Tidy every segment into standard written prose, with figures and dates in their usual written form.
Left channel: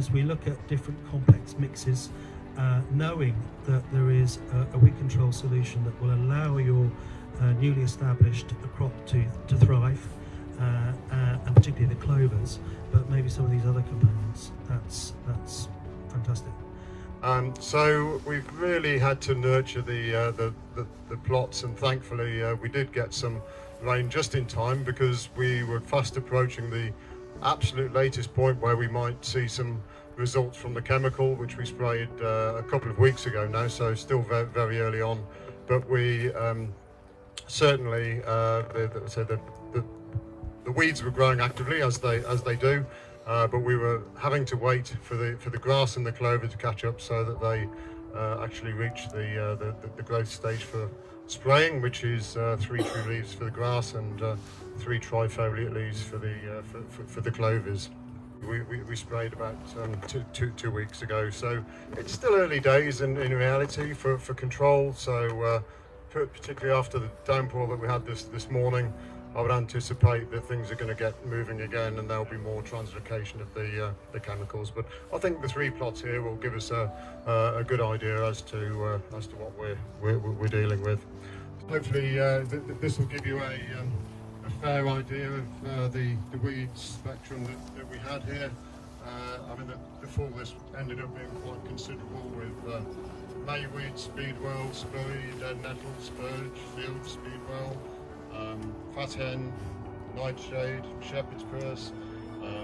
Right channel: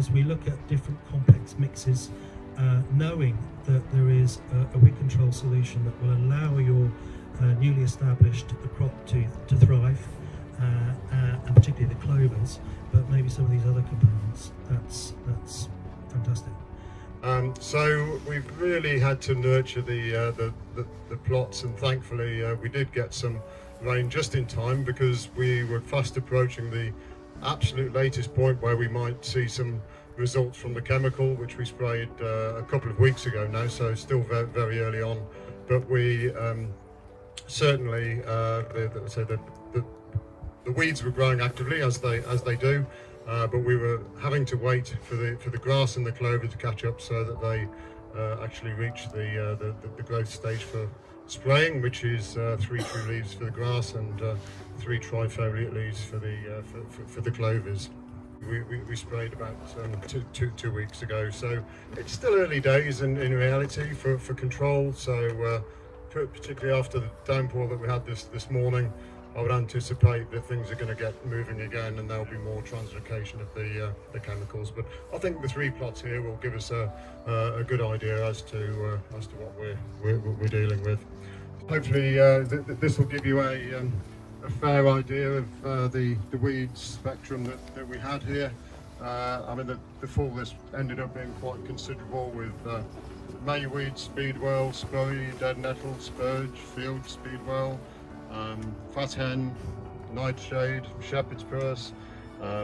as we look at different complex mixes, knowing that there is a weed control solution that will allow your newly established crop to thrive, and particularly the clovers, but maybe some of these other components, that's fantastic. So we've really had to nurture the plots, and thankfully we did get some rain just in time, because we were fast approaching the absolute latest point where we might see some results from the chemical which we sprayed a couple of weeks ago now, so still very, very early on. But we certainly the weeds were growing actively as they do, but we were having to wait for the grass and the clover to catch up so that they actually reach the growth stage for spraying, which is 3 true leaves for the grass and 3 trifoliate leaves for the clovers. We sprayed about 2 weeks ago, so it's still early days in reality for control. So particularly after the downpour that we had this morning, I would anticipate that things are going to get moving again, and there'll be more translocation of the chemicals. But I think the 3 plots here will give us a good idea as to what we're dealing with. Hopefully this will give you a fair idea of the weed spectrum that we had here. I mean, the fall this ended up being quite considerable, with mayweed, speedwell, spurry, dead nettle, spurge, field speedwell, fat hen, nightshade, shepherd's purse,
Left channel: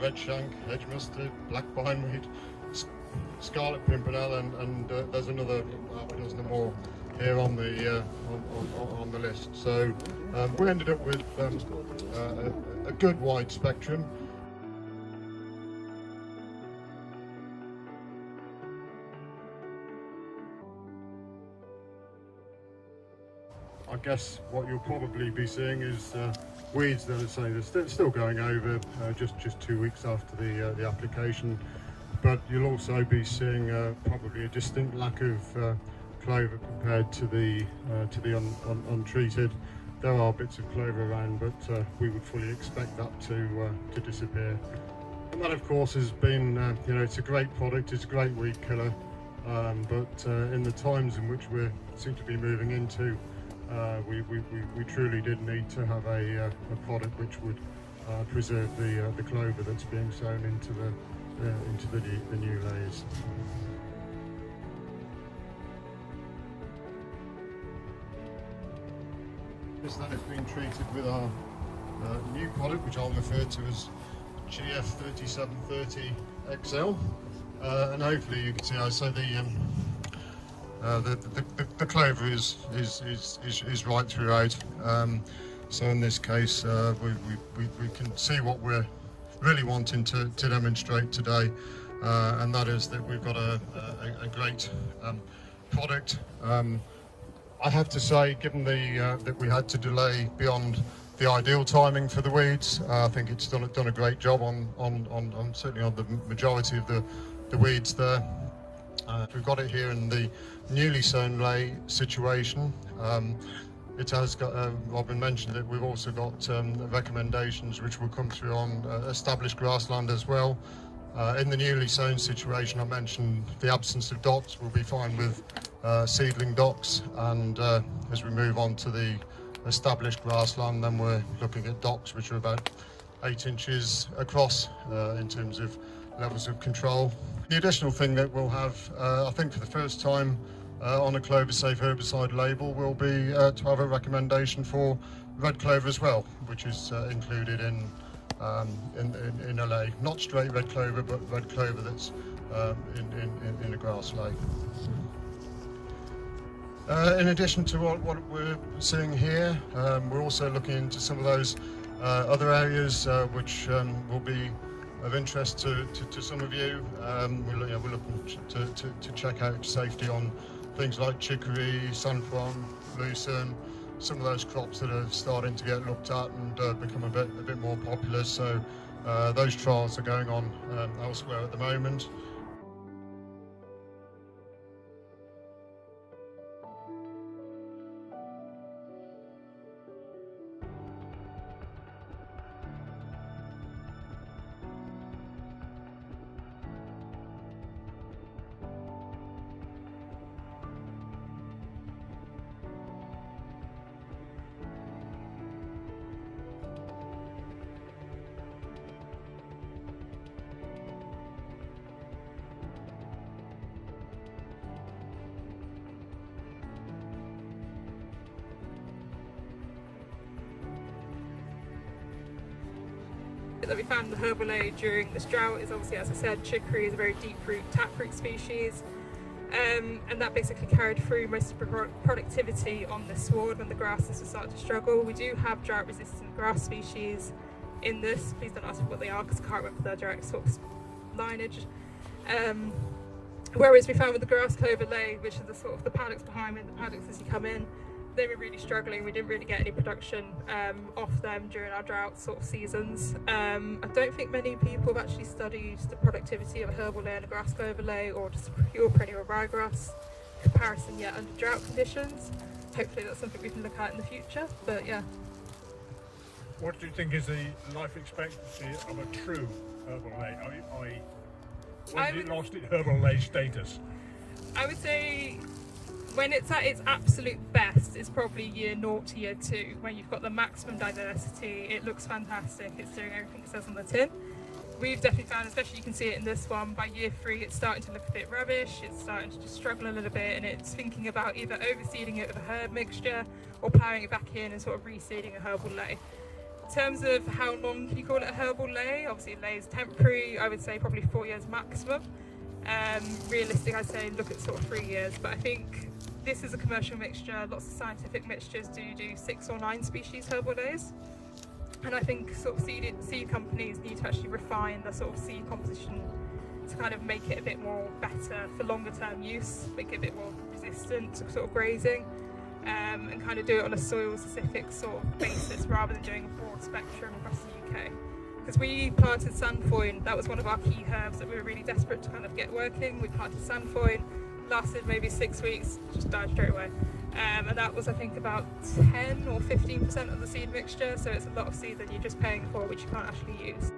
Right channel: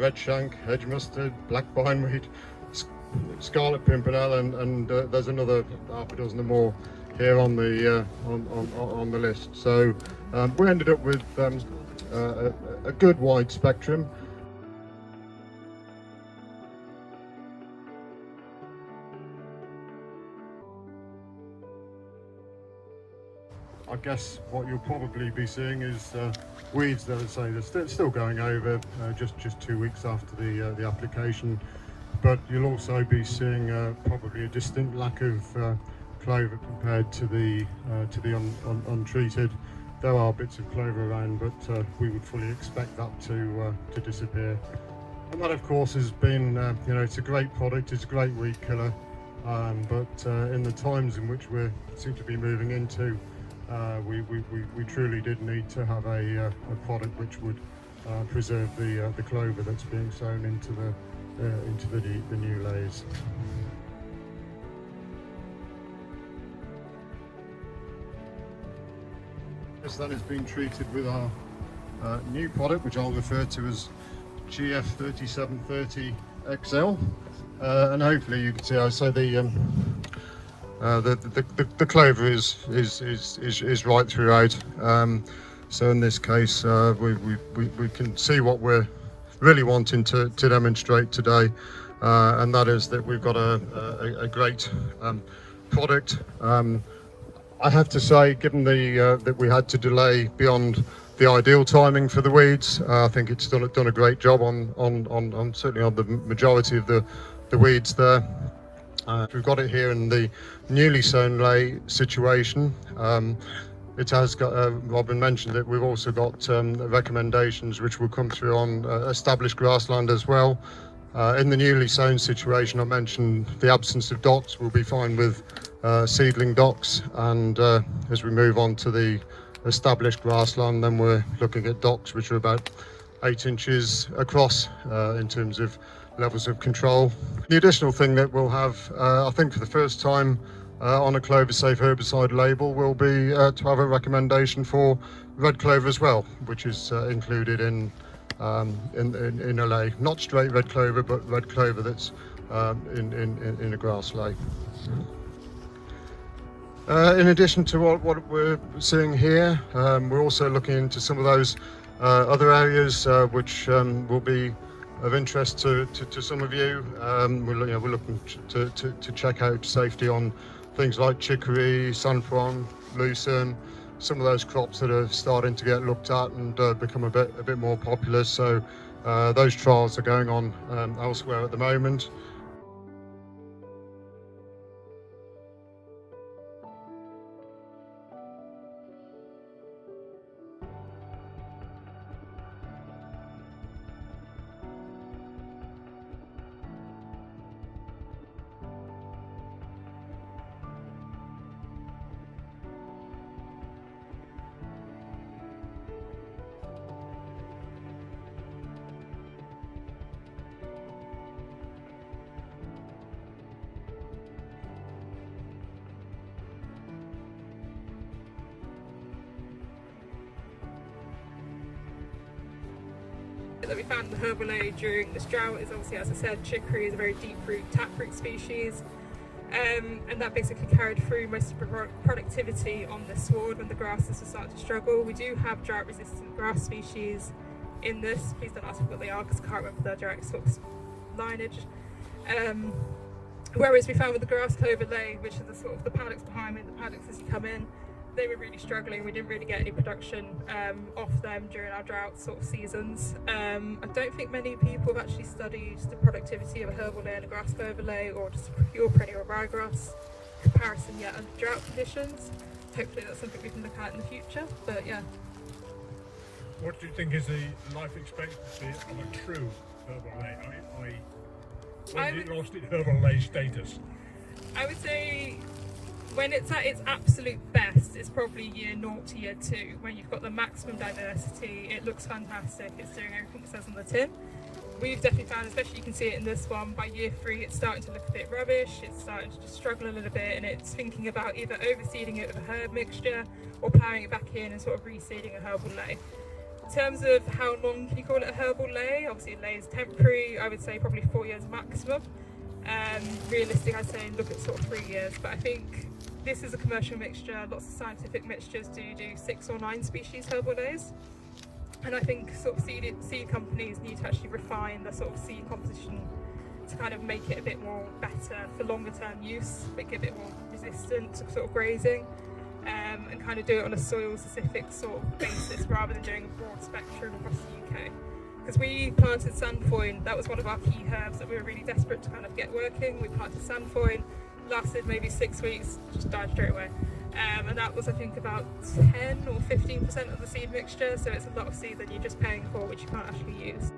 red shank, hedge mustard, black bindweed, scarlet pimpernel, and there's another half a dozen or more here on the list. So we ended up with a good wide spectrum. I guess what you'll probably be seeing is weeds that are still going over just 2 weeks after the application, but you'll also be seeing probably a distinct lack of clover compared to the untreated. There are bits of clover around, but we would fully expect that to disappear. And that, of course, has been it's a great product, it's a great weed killer, but in the times in which we seem to be moving into, we truly did need to have a product which would preserve the clover that's being sown into the new leys. This then is being treated with our new product, which I'll refer to as GF3730 XL, and hopefully you can see, I say the clover is right throughout. So in this case, we can see what we're really wanting to demonstrate today, and that is that we've got a great product. I have to say, given that we had to delay beyond the ideal timing for the weeds, I think it's done a great job on certainly on the majority of the weeds there. We've got it here in the newly sown ley situation. It has got, Robin mentioned that we've also got recommendations which will come through on established grassland as well. In the newly sown situation, I mentioned the absence of docks. We'll be fine with seedling docks, and as we move on to the established grassland, then we're looking at docks which are about 8 inches across in terms of levels of control. The additional thing that we'll have, I think for the first time on a clover-safe herbicide label, will be to have a recommendation for red clover as well, which is included in a ley. Not straight red clover, but red clover that's in a grass ley. In addition to what we're seeing here, we're also looking into some of those other areas which will be of interest to some of you. We're looking to check out safety on things like chicory, sunflower, lucerne, some of those crops that are starting to get looked at and become a bit more popular. So those trials are going on elsewhere at the moment. That we found in the herbal ley during this drought is obviously, as I said, chicory is a very deep root taproot species, and that basically carried through most of the productivity on the sward when the grasses were starting to struggle. We do have drought resistant grass species in this. Please don't ask me what they are because I can't remember their direct sort of lineage. Whereas we found with the grass clover ley, which are the sort of the paddocks behind me, the paddocks as you come in, they were really struggling. We didn't really get any production off them during our drought sort of seasons. I don't think many people have actually studied the productivity of a herbal ley and a grass clover ley, or just a pure perennial ryegrass comparison yet under drought conditions. Hopefully that's something we can look at in the future, but yeah. What do you think is the life expectancy of a true herbal ley? When did it lost its herbal ley status? I would say when it's at its absolute best, it's probably year 0 to year 2, when you've got the maximum diversity. It looks fantastic, it's doing everything it says on the tin. We've definitely found, especially you can see it in this one, by year 3 it's starting to look a bit rubbish, it's starting to just struggle a little bit, and it's thinking about either overseeding it with a herb mixture or ploughing it back in and sort of reseeding a herbal ley. In terms of how long can you call it a herbal ley, obviously ley is temporary. I would say probably 4 years maximum. Realistic, I'd say look at sort of 3 years, but I think this is a commercial mixture. Lots of scientific mixtures do 6 or 9 species herbal leys, and I think sort of seed companies need to actually refine the sort of seed composition to kind of make it a bit more better for longer term use, make it a bit more resistant to sort of grazing. And kind of do it on a soil specific sort of basis rather than doing a broad spectrum across the UK. Because we planted sandfoin, that was one of our key herbs that we were really desperate to kind of get working. We planted sandfoin, lasted maybe 6 weeks, just died straight away. And that was, I think, about 10 or 15% of the seed mixture, so it's a lot of seed that you're just paying for which you can't actually use.